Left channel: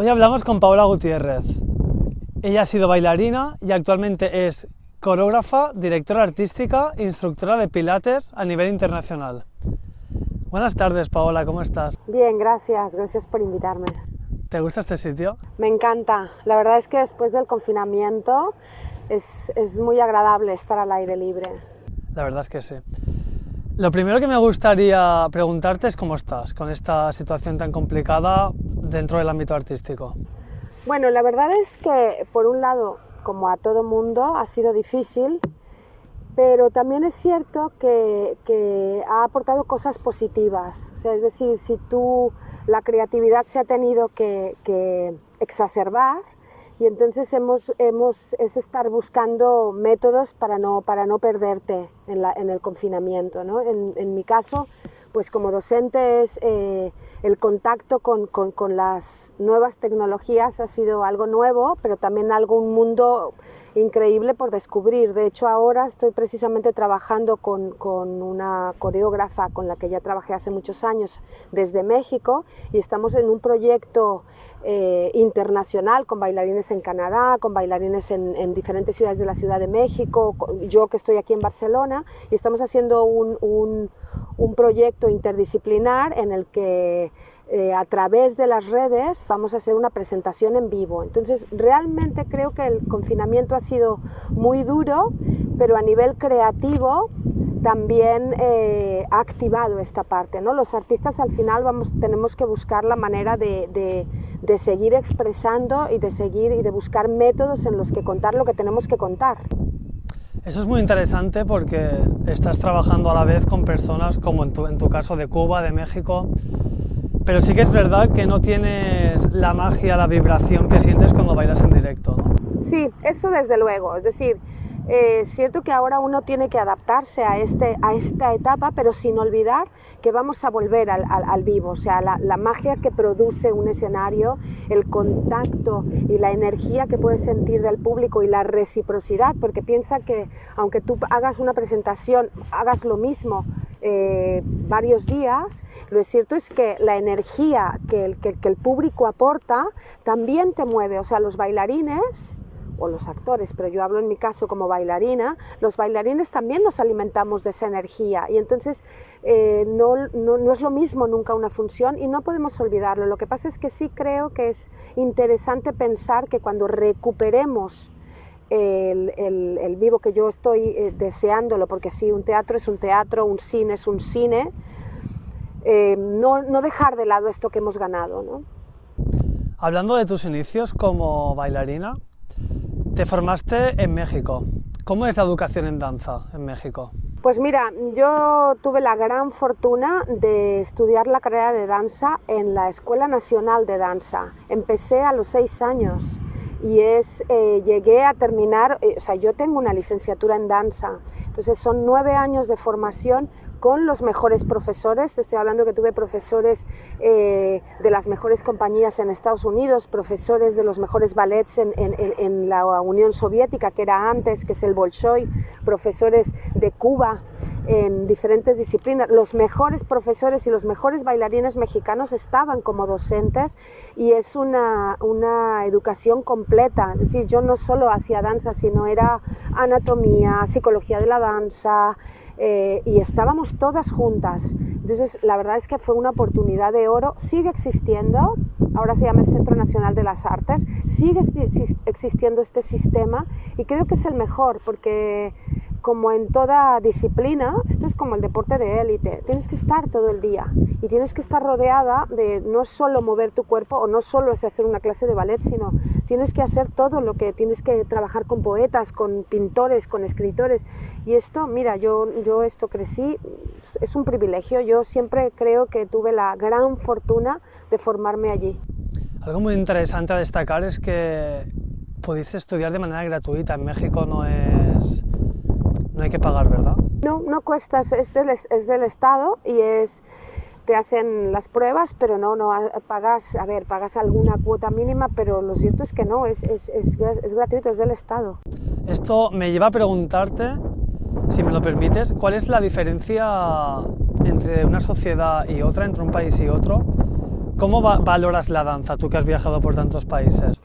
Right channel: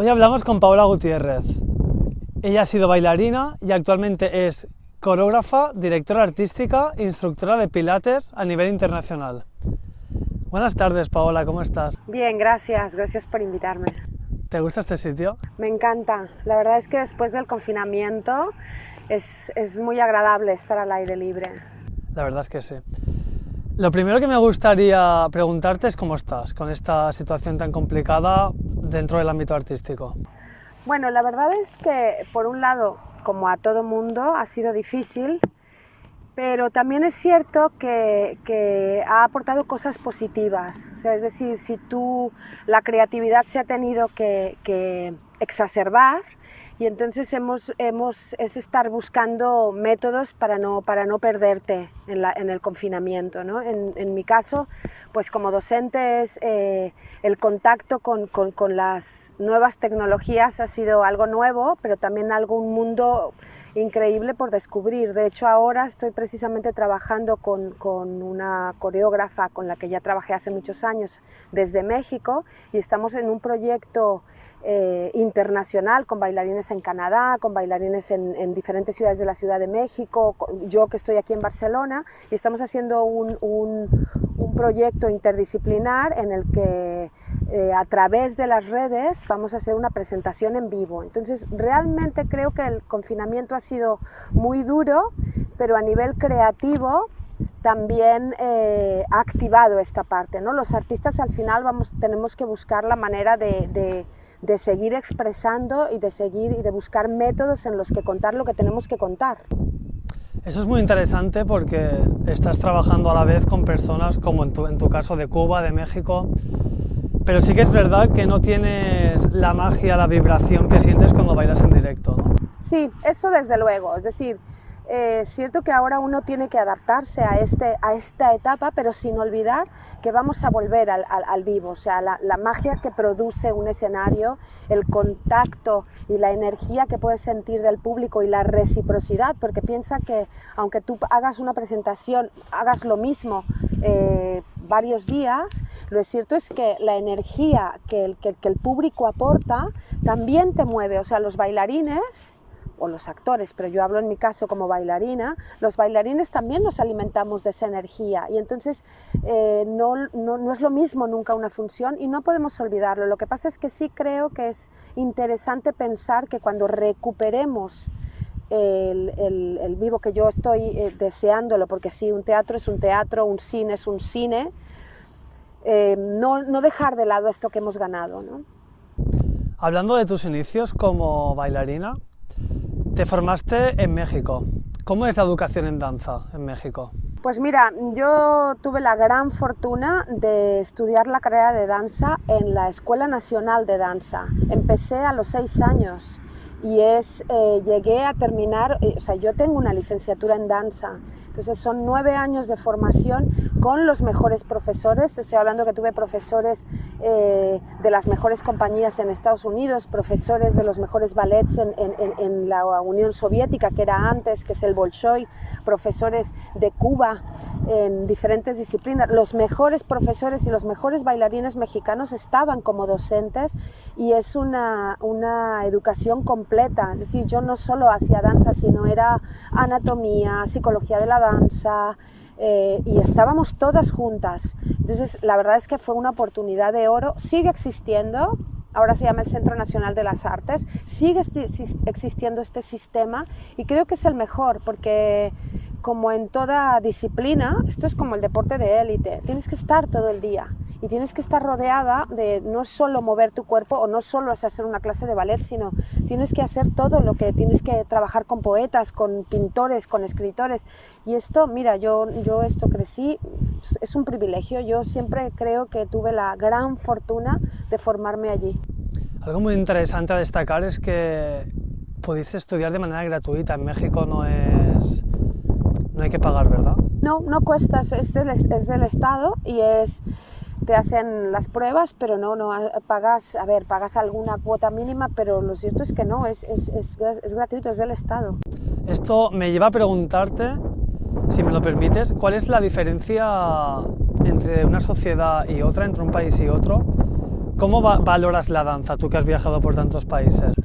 Hoy hablamos con Paola Gutiérrez. Ella ha sido bailarina y actualmente es coreógrafa, directora artística e instructora de pilates a nivel internacional. Buenas tardes, Paola, ¿cómo estás? Bien, gracias por invitarme. ¿Te gusta este sitio? Me encanta, la verdad es que después del confinamiento es muy agradable estar al aire libre. La verdad es que sí. Lo primero que me gustaría preguntarte es cómo estás con esta situación tan complicada dentro del ámbito artístico. Bueno, la verdad es que por un lado, como a todo mundo, ha sido difícil, pero también es cierto que ha aportado cosas positivas. O sea, es decir, si la creatividad se ha tenido que exacerbar, y entonces es estar buscando métodos para no perderte en el confinamiento, ¿no? En mi caso, pues como docente el contacto con las nuevas tecnologías ha sido algo nuevo, pero también un mundo increíble por descubrir. De hecho, ahora estoy precisamente trabajando con una coreógrafa con la que ya trabajé hace muchos años desde México, y estamos en un proyecto internacional con bailarines en Canadá, con bailarines en diferentes ciudades de la Ciudad de México, yo que estoy aquí en Barcelona, y estamos haciendo un proyecto interdisciplinar en el que a través de las redes vamos a hacer una presentación en vivo. Entonces realmente creo que el confinamiento ha sido muy duro, pero a nivel creativo también ha activado esta parte, ¿no? Los artistas al final tenemos que buscar la manera de seguir expresando y de buscar métodos en los que contar lo que tenemos que contar. Eso es muy interesante porque estás trabajando a la vez con personas como en tu caso de Cuba, de México, pero sí que es verdad que no tienes la magia, la vibración que sientes cuando bailas en directo, ¿no? Sí, eso desde luego, es decir, es cierto que ahora uno tiene que adaptarse a esta etapa, pero sin olvidar que vamos a volver al vivo. O sea, la magia que produce un escenario, el contacto y la energía que puedes sentir del público y la reciprocidad, porque piensa que aunque tú hagas una presentación, hagas lo mismo varios días, lo cierto es que la energía que el público aporta también te mueve. O sea, los bailarines o los actores, pero yo hablo en mi caso como bailarina, los bailarines también nos alimentamos de esa energía, y entonces no es lo mismo nunca una función, y no podemos olvidarlo. Lo que pasa es que sí creo que es interesante pensar que cuando recuperemos el vivo, que yo estoy deseándolo, porque sí, un teatro es un teatro, un cine es un cine, no dejar de lado esto que hemos ganado, ¿no? Hablando de tus inicios como bailarina, te formaste en México. ¿Cómo es la educación en danza en México? Pues mira, yo tuve la gran fortuna de estudiar la carrera de danza en la Escuela Nacional de Danza. Empecé a los 6 años y llegué a terminar, o sea, yo tengo una licenciatura en danza, entonces son 9 años de formación con los mejores profesores. Te estoy hablando que tuve profesores de las mejores compañías en Estados Unidos, profesores de los mejores ballets en la Unión Soviética, que era antes, que es el Bolshoi, profesores de Cuba, en diferentes disciplinas. Los mejores profesores y los mejores bailarines mexicanos estaban como docentes, y es una educación completa. Es decir, yo no solo hacía danza, sino era anatomía, psicología de la danza, y estábamos todas juntas. Entonces la verdad es que fue una oportunidad de oro. Sigue existiendo, ahora se llama el Centro Nacional de las Artes, sigue existiendo este sistema, y creo que es el mejor, porque como en toda disciplina, esto es como el deporte de élite, tienes que estar todo el día y tienes que estar rodeada de no solo mover tu cuerpo o no solo es hacer una clase de ballet, sino tienes que hacer todo lo que tienes que trabajar con poetas, con pintores, con escritores. Y esto, mira, yo esto crecí, es un privilegio. Yo siempre creo que tuve la gran fortuna de formarme allí. Algo muy interesante a destacar es que pudiste estudiar de manera gratuita. En México no hay que pagar, ¿verdad? No cuesta, es del Estado, y te hacen las pruebas, pero no pagas alguna cuota mínima, pero lo cierto es que no, es gratuito, es del Estado. Esto me lleva a preguntarte, si me lo permites, ¿cuál es la diferencia entre una sociedad y otra, entre un país y otro, ¿Cómo valoras la danza, tú que has viajado por tantos países?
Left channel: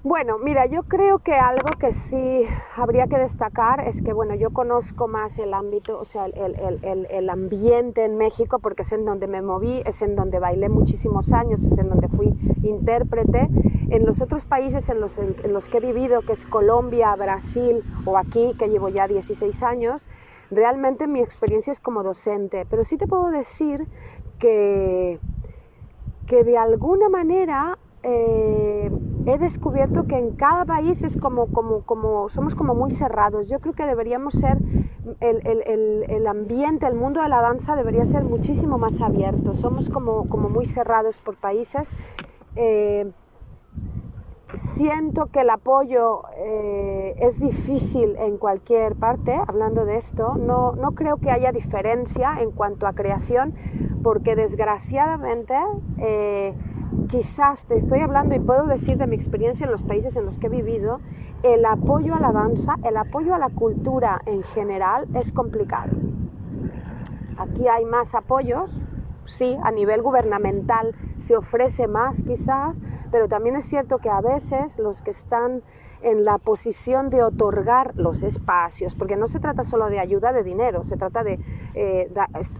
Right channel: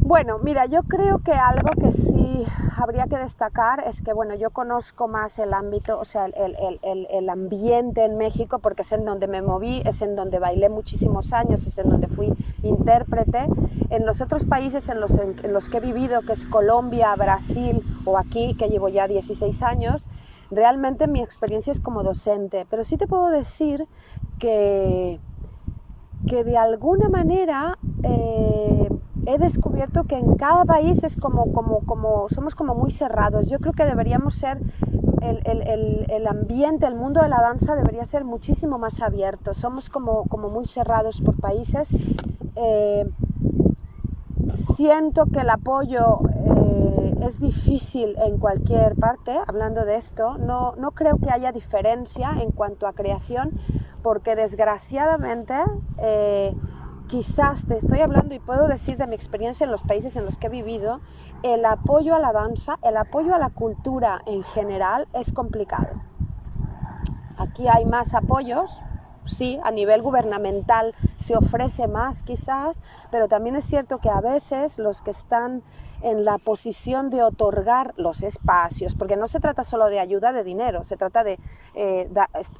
Bueno, mira, yo creo que algo que sí habría que destacar es que, bueno, yo conozco más el ámbito, o sea, el ambiente en México, porque es en donde me moví, es en donde bailé muchísimos años, es en donde fui intérprete. En los otros países en los que he vivido, que es Colombia, Brasil o aquí, que llevo ya 16 años, realmente mi experiencia es como docente, pero sí te puedo decir que de alguna manera he descubierto que en cada país es somos como muy cerrados. Yo creo que deberíamos ser, el ambiente, el mundo de la danza debería ser muchísimo más abierto. Somos como muy cerrados por países. Siento que el apoyo es difícil en cualquier parte, hablando de esto. No creo que haya diferencia en cuanto a creación, porque desgraciadamente, quizás te estoy hablando y puedo decir de mi experiencia en los países en los que he vivido, el apoyo a la danza, el apoyo a la cultura en general es complicado. Aquí hay más apoyos. Sí, a nivel gubernamental se ofrece más quizás, pero también es cierto que a veces los que están en la posición de otorgar los espacios, porque no se trata solo de ayuda de dinero, se trata de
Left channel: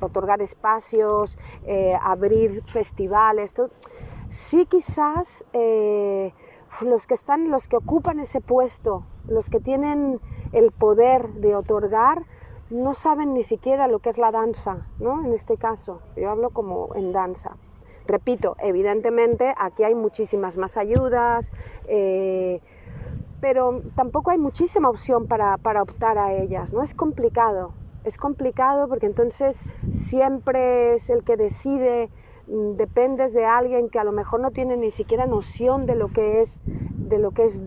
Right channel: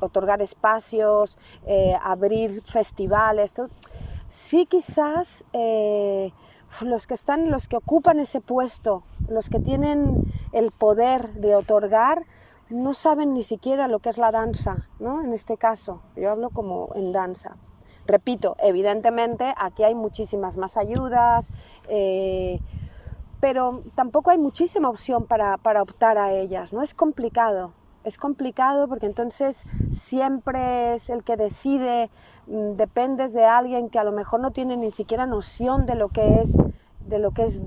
otorgar espacios, abrir festivales, todo. Sí, quizás los que ocupan ese puesto, los que tienen el poder de otorgar, no saben ni siquiera lo que es la danza, ¿no? En este caso, yo hablo como en danza. Repito, evidentemente aquí hay muchísimas más ayudas, pero tampoco hay muchísima opción para optar a ellas, ¿no? Es complicado porque entonces siempre es el que decide, dependes de alguien que a lo mejor no tiene ni siquiera noción de lo que es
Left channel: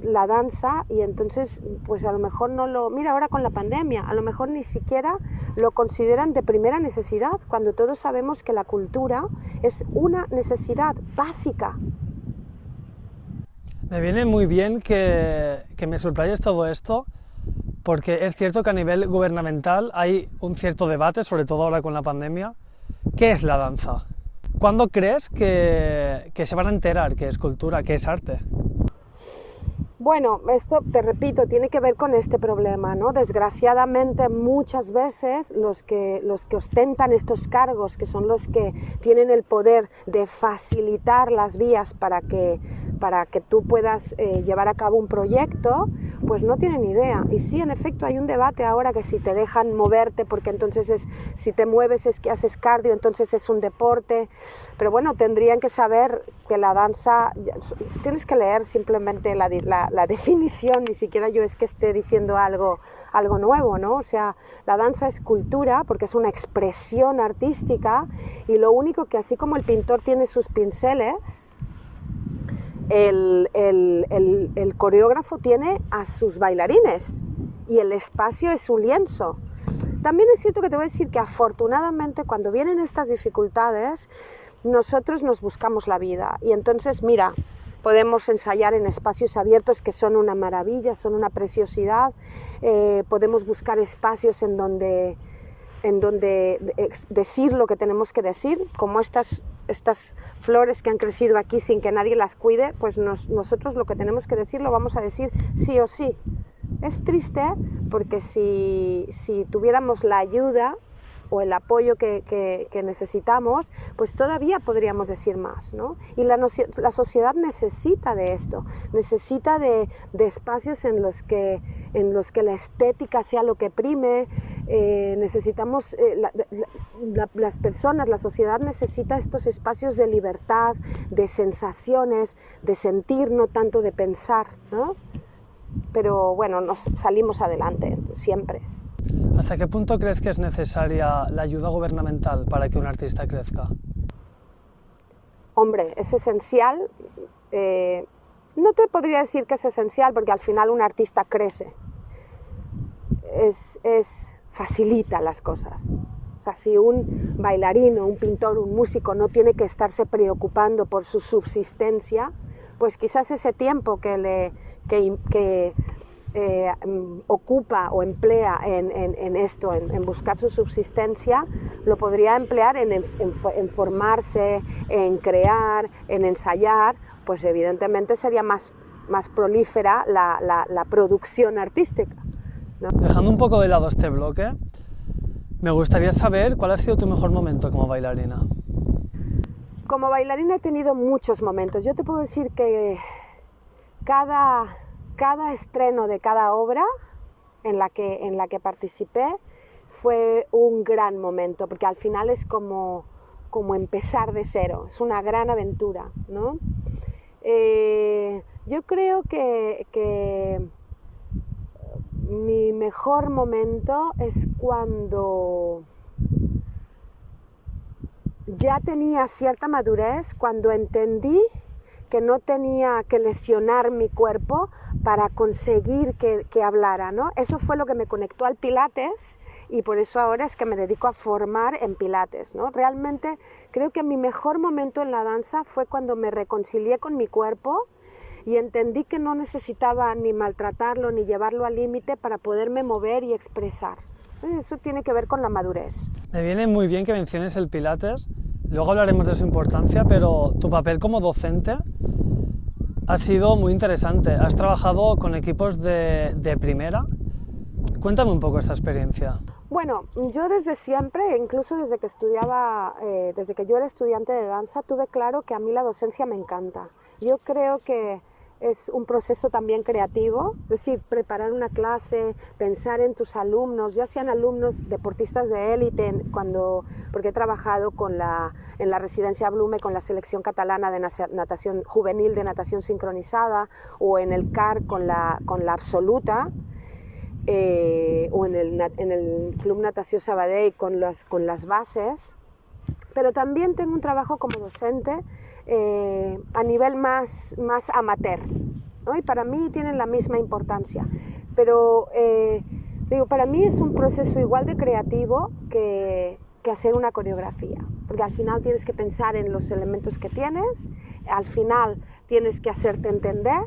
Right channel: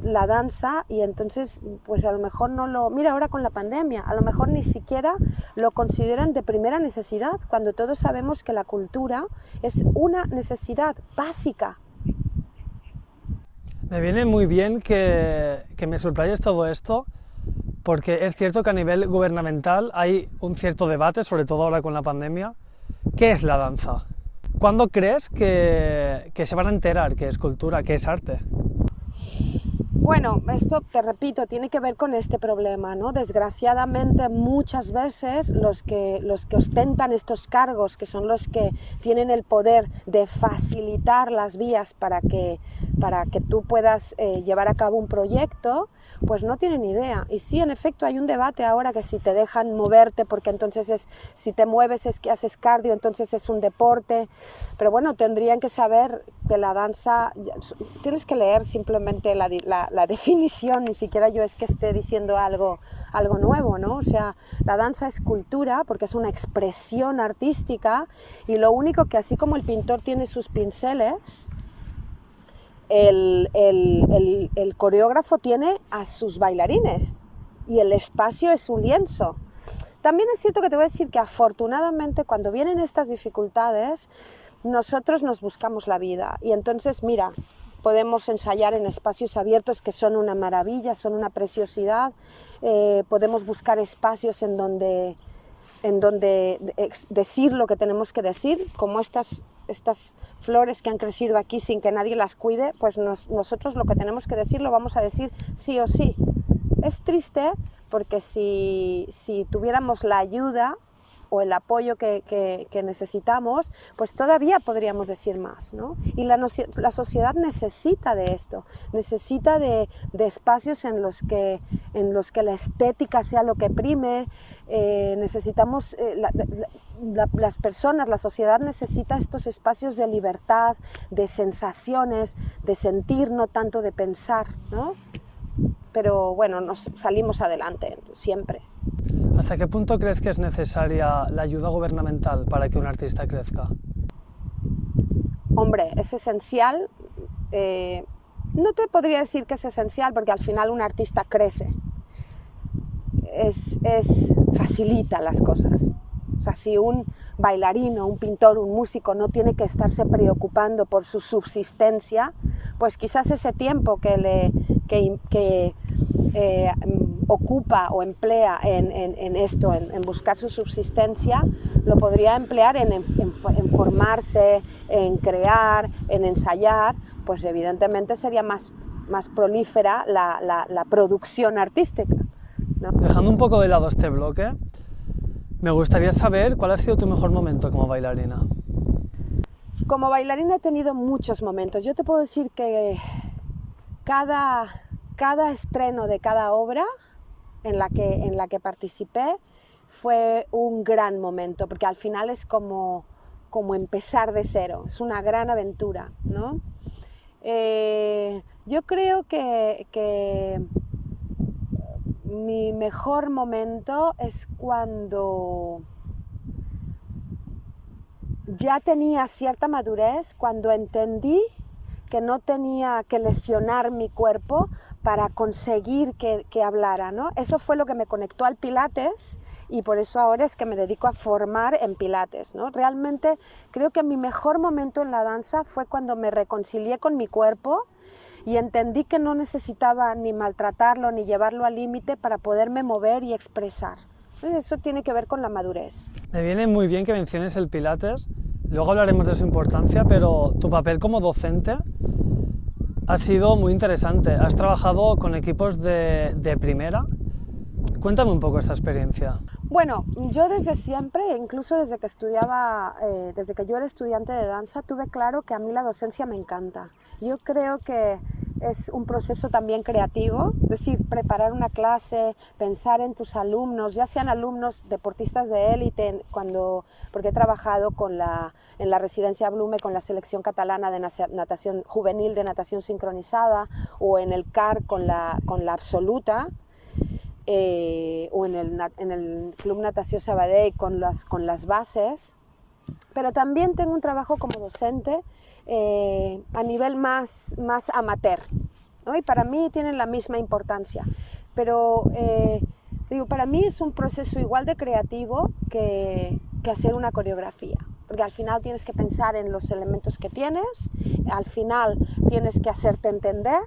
la danza, y entonces pues a lo mejor mira ahora con la pandemia, a lo mejor ni siquiera lo consideran de primera necesidad, cuando todos sabemos que la cultura es una necesidad básica. Me viene muy bien que me subrayes todo esto, porque es cierto que a nivel gubernamental hay un cierto debate, sobre todo ahora con la pandemia. ¿Qué es la danza? ¿Cuándo crees que se van a enterar que es cultura, que es arte? Bueno, esto, te repito, tiene que ver con este problema, ¿no? Desgraciadamente, muchas veces los que ostentan estos cargos, que son los que tienen el poder de facilitar las vías para que tú puedas llevar a cabo un proyecto, pues no tienen idea. Y sí, en efecto, hay un debate ahora que si te dejan moverte, porque entonces si te mueves es que haces cardio, entonces es un deporte. Pero bueno, tendrían que saber que la danza, tienes que leer simplemente la definición, ni siquiera yo es que esté diciendo algo nuevo, ¿no? O sea, la danza es cultura porque es una expresión artística, y lo único que, así como el pintor tiene sus pinceles, el coreógrafo tiene a sus bailarines, y el espacio es un lienzo. También es cierto que te voy a decir que afortunadamente cuando vienen estas dificultades, nosotros nos buscamos la vida, y entonces mira, podemos ensayar en espacios abiertos que son una maravilla, son una preciosidad. Podemos buscar espacios en donde decir lo que tenemos que decir, como estas flores que han crecido aquí sin que nadie las cuide, pues nosotros lo que tenemos que decir lo vamos a decir sí o sí. Es triste porque si tuviéramos la ayuda o el apoyo que necesitamos, pues todavía podríamos decir más, ¿no? Y la sociedad necesita de esto, necesita de espacios en los que la estética sea lo que prime. Necesitamos, las personas, la sociedad necesita estos espacios de libertad, de sensaciones, de sentir, no tanto de pensar, ¿no? Pero bueno, nos salimos adelante, siempre. ¿Hasta qué punto crees que es necesaria la ayuda gubernamental para que un artista crezca? Hombre, es esencial. No te podría decir que es esencial porque al final un artista crece. Facilita las cosas. O sea, si un bailarín o un pintor, un músico no tiene que estarse preocupando por su subsistencia, pues quizás ese tiempo que ocupa o emplea en esto, en buscar su subsistencia, lo podría emplear en formarse, en crear, en ensayar, pues evidentemente sería más prolífera la producción artística, ¿no? Dejando un poco de lado este bloque, me gustaría saber cuál ha sido tu mejor momento como bailarina. Como bailarina he tenido muchos momentos. Yo te puedo decir que cada estreno de cada obra en la que participé fue un gran momento, porque al final es como empezar de cero, es una gran aventura, ¿no? Yo creo que mi mejor momento es cuando ya tenía cierta madurez, cuando entendí que no tenía que lesionar mi cuerpo para conseguir que hablara, ¿no? Eso fue lo que me conectó al Pilates y por eso ahora es que me dedico a formar en Pilates, ¿no? Realmente creo que mi mejor momento en la danza fue cuando me reconcilié con mi cuerpo y entendí que no necesitaba ni maltratarlo ni llevarlo al límite para poderme mover y expresar. Entonces eso tiene que ver con la madurez. Me viene muy bien que menciones el Pilates, luego hablaremos de su importancia, pero tu papel como docente ha sido muy interesante. Has trabajado con equipos de primera. Cuéntame un poco esta experiencia. Bueno, yo desde siempre, incluso desde que estudiaba, desde que yo era estudiante de danza, tuve claro que a mí la docencia me encanta. Yo creo que es un proceso también creativo, es decir, preparar una clase, pensar en tus alumnos, ya sean alumnos deportistas de élite, porque he trabajado en la residencia Blume con la selección catalana de natación juvenil de natación sincronizada, o en el CAR con la absoluta, o en el Club Natació Sabadell con las bases, pero también tengo un trabajo como docente a nivel más amateur, ¿no? Y para mí tienen la misma importancia, pero para mí es un proceso igual de creativo que hacer una coreografía, porque al final tienes que pensar en los elementos que tienes, al final tienes que hacerte entender.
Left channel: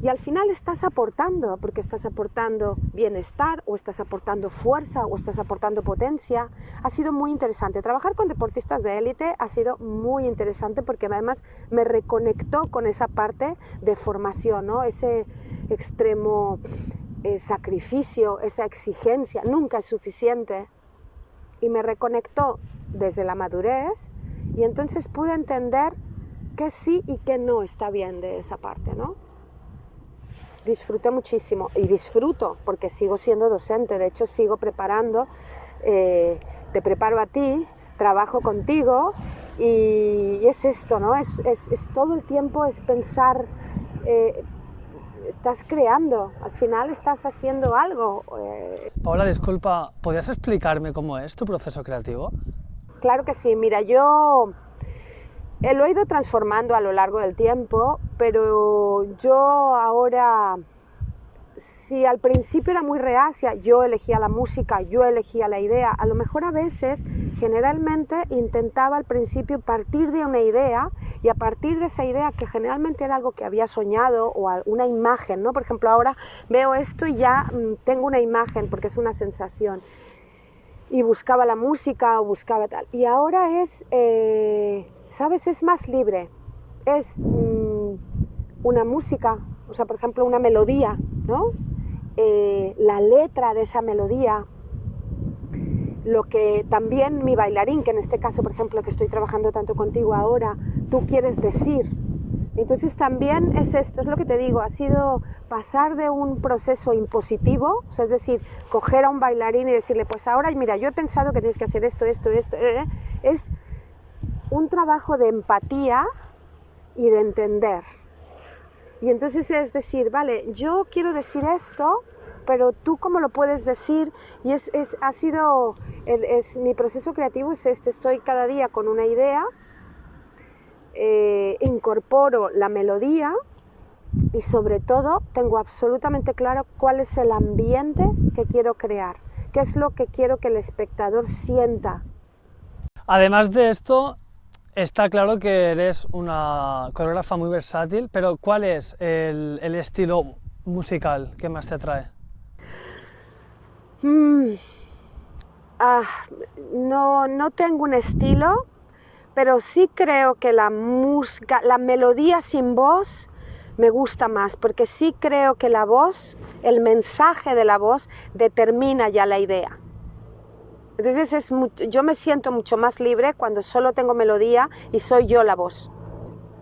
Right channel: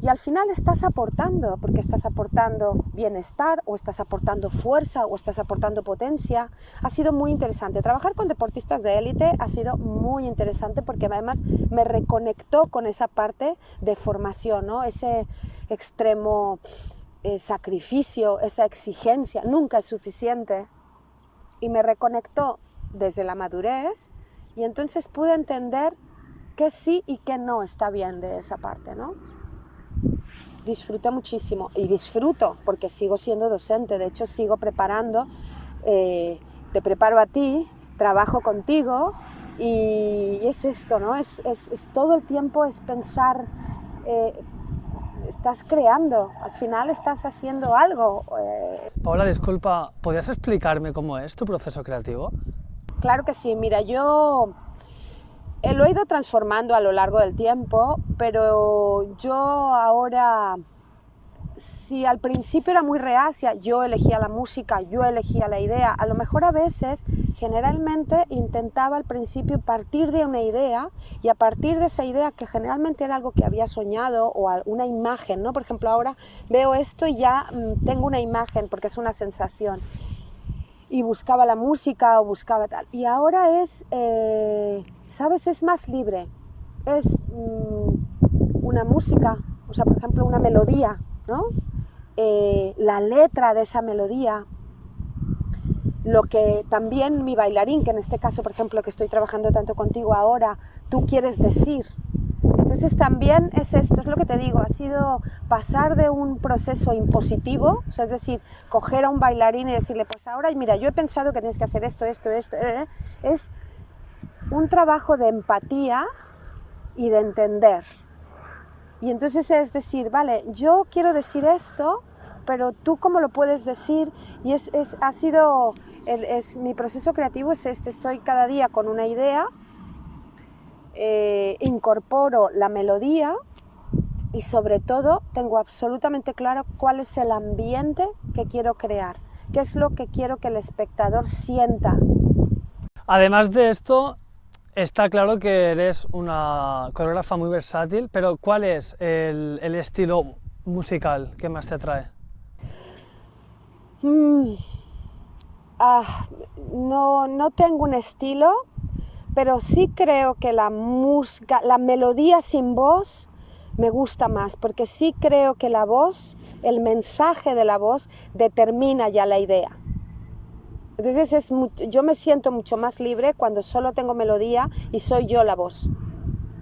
Y al final estás aportando, porque estás aportando bienestar, o estás aportando fuerza, o estás aportando potencia. Ha sido muy interesante. Trabajar con deportistas de élite ha sido muy interesante porque además me reconectó con esa parte de formación, ¿no? Ese extremo sacrificio, esa exigencia, nunca es suficiente. Y me reconectó desde la madurez y entonces pude entender qué sí y qué no está bien de esa parte, ¿no? Disfruté muchísimo y disfruto porque sigo siendo docente, de hecho sigo preparando, te preparo a ti, trabajo contigo y es esto, ¿no? Es todo el tiempo es pensar, estás creando, al final estás haciendo algo. Paola, disculpa, ¿podrías explicarme cómo es tu proceso creativo? Claro que sí, mira, yo lo he ido transformando a lo largo del tiempo, pero yo ahora, si al principio era muy reacia, yo elegía la música, yo elegía la idea, a lo mejor a veces, generalmente intentaba al principio partir de una idea y a partir de esa idea, que generalmente era algo que había soñado o una imagen, ¿no? Por ejemplo, ahora veo esto y ya tengo una imagen porque es una sensación. Y buscaba la música o buscaba tal. Y ahora es, ¿sabes? Es más libre. Es una música, o sea, por ejemplo, una melodía, ¿no? La letra de esa melodía, lo que también mi bailarín, que en este caso, por ejemplo, que estoy trabajando tanto contigo ahora, tú quieres decir. Entonces también es esto, es lo que te digo, ha sido pasar de un proceso impositivo, o sea, es decir, coger a un bailarín y decirle, pues ahora, mira, yo he pensado que tienes que hacer esto, es un trabajo de empatía y de entender. Y entonces es decir, vale, yo quiero decir esto, pero tú cómo lo puedes decir, y mi proceso creativo es este, estoy cada día con una idea, incorporo la melodía y sobre todo tengo absolutamente claro cuál es el ambiente que quiero crear, qué es lo que quiero que el espectador sienta. Además de esto, está claro que eres una coreógrafa muy versátil, pero ¿cuál es el estilo musical que más te atrae? No tengo un estilo, pero sí creo que la música, la melodía sin voz me gusta más, porque sí creo que la voz, el mensaje de la voz determina ya la idea. Entonces yo me siento mucho más libre cuando solo tengo melodía y soy yo la voz,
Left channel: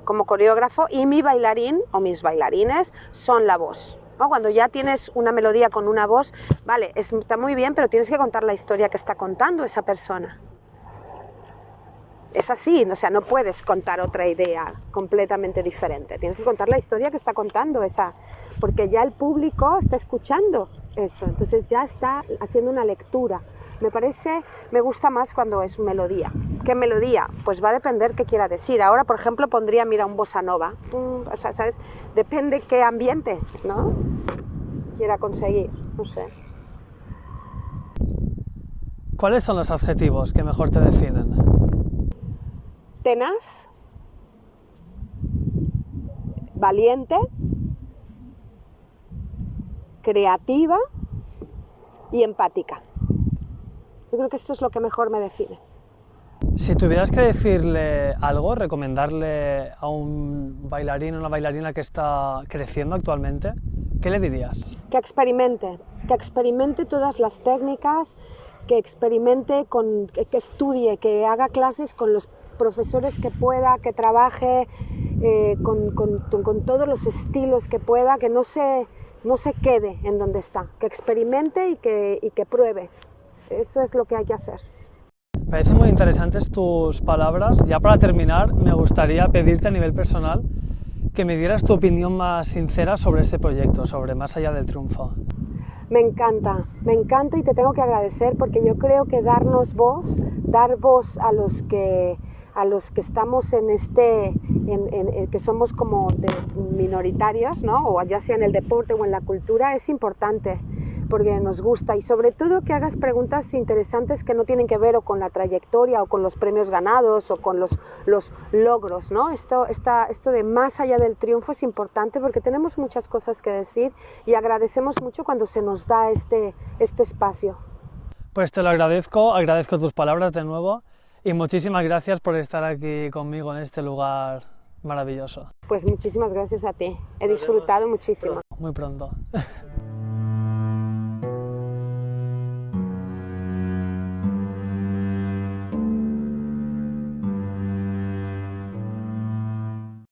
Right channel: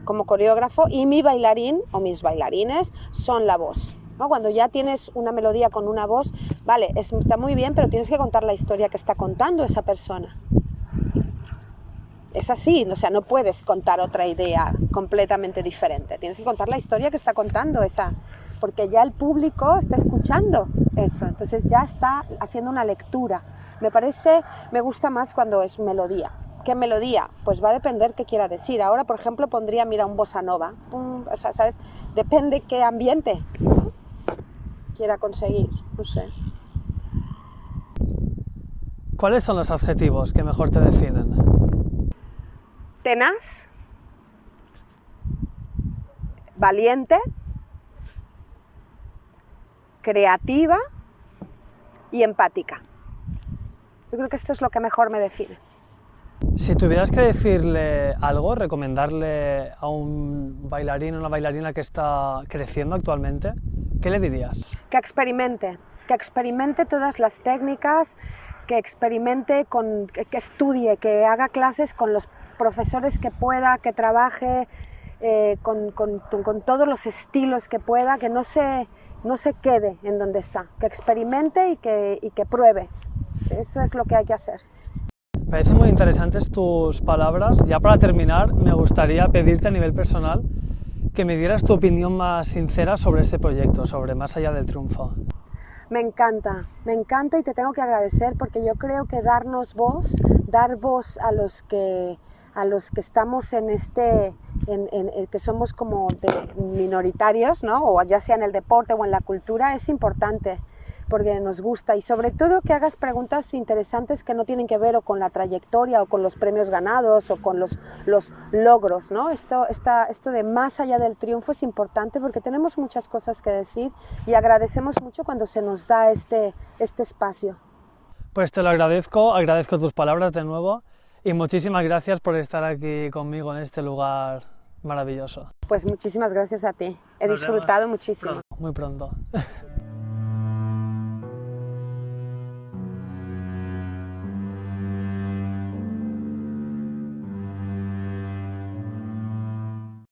como coreógrafo, y mi bailarín o mis bailarines son la voz, ¿no? Cuando ya tienes una melodía con una voz, vale, está muy bien, pero tienes que contar la historia que está contando esa persona. Es así, o sea, no puedes contar otra idea completamente diferente. Tienes que contar la historia que está contando esa, porque ya el público está escuchando eso, entonces ya está haciendo una lectura. Me gusta más cuando es melodía. ¿Qué melodía? Pues va a depender qué quiera decir. Ahora, por ejemplo, pondría, mira, un bossa nova. O sea, ¿sabes? Depende qué ambiente, ¿no? Quiera conseguir, no sé. ¿Cuáles son los adjetivos que mejor te definen? Tenaz, valiente, creativa y empática. Yo creo que esto es lo que mejor me define. Si tuvieras que decirle algo, recomendarle a un bailarín o una bailarina que está creciendo actualmente, ¿qué le dirías? Que experimente todas las técnicas, que experimente, que estudie, que haga clases con los profesores que pueda, que trabaje con todos los estilos que pueda, que no se quede en donde está, que experimente y que pruebe. Eso es lo que hay que hacer. Me parecen muy interesantes tus palabras. Ya para terminar, me gustaría pedirte a nivel personal que me dieras tu opinión más sincera sobre este proyecto, sobre Más allá del triunfo. Me encanta y te tengo que agradecer porque yo creo que dar voz a los que estamos que somos como minoritarios, ¿no? O ya sea en el deporte o en la cultura, es importante porque nos gusta, y sobre todo que hagas preguntas interesantes que no tienen que ver o con la trayectoria o con los premios ganados o con los logros, ¿no? Esto de Más allá del triunfo es importante porque tenemos muchas cosas que decir y agradecemos mucho cuando se nos da este espacio. Pues te lo agradezco tus palabras de nuevo y muchísimas gracias por estar aquí conmigo en este lugar maravilloso. Pues muchísimas gracias a ti, he disfrutado muchísimo. Muy pronto.